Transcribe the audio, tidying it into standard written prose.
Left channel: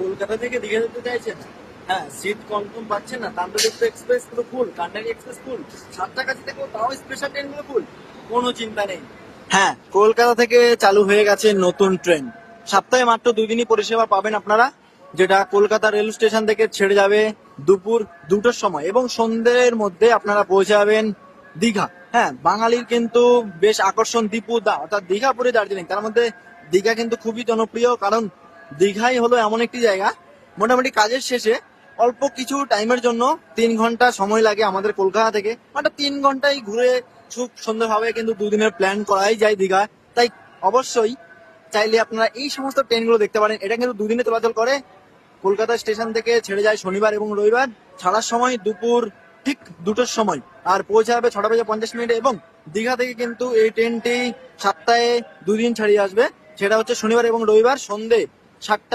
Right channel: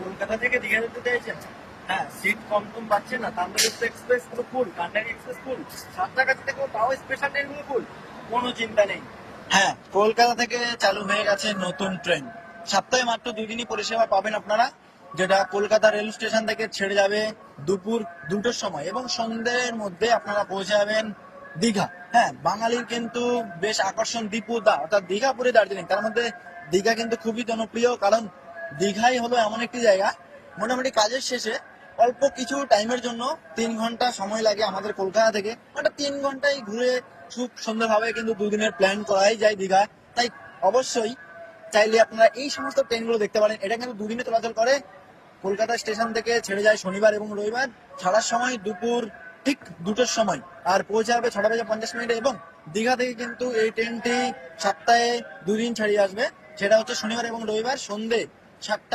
কলকাতা থেকে দীঘা যেতে চাইছেন? হ্যাঁ, সিট কনফার্ম পাচ্ছেন না? তাম্রলিপ্ত এক্সপ্রেস পুরো ফুল, কান্ডারি এক্সপ্রেস ফুল, সাতটাগাছি থেকেও তাও স্পেশাল ট্রেনগুলো ফুল, কোনো চিন্তা নেই। হ্যাঁ, কলকাতা থেকে চালু হয়ে গেছে নতুন ট্রেন। সপ্তাহে মাত্র 2 দিনই পরিষেবা পাবেন আপনারা, যেটা কলকাতা রেল স্টেশন থেকে ছেড়ে যাবে দুপুর 2টোর সময় এবং সন্ধ্যের মধ্যে আপনারা পৌঁছে যাবেন দীঘা। হ্যাঁ, বাঙালির কিন্তু বেশ আকর্ষণ দীপুদা, অর্থাৎ দীঘা পুরী দার্জিলিং, তার মধ্যে দীঘা কিন্তু খুবই জনপ্রিয়, কারণ দীঘাই হলো এমন একটি জায়গা, মোটামুটি কাজের শেষে অল্প কিছু টাইমের জন্য 3 ঘন্টা সময় লাগে আমাদের কলকাতা থেকে, মানে 3 ঘন্টায় ঘুরে খুব সুন্দরভাবে কিন্তু 2 দিনের প্ল্যান করাই যায় দীঘায়। তাই অবশ্যই চাইলে আপনারা এই সমস্ত ট্রেনগুলো দেখতে পারেন। এটা কিন্তু 2 দিনে চলাচল করে। কলকাতা স্টেশন থেকে ছেড়ে যায় শনিবার এবং রবিবার, ছাড়ার সময় দুপুর ঠিক 2টোর সময়, আর পৌঁছে যাবে 6টা বেজে 50 মিনিটে। এবং দীঘা থেকে কিন্তু এই ট্রেনটি সপ্তাহে 2 দিন ছাড়িয়ে আসবে, সেটা হচ্ছে শনিবার এবং রবিবার সন্ধে 7টা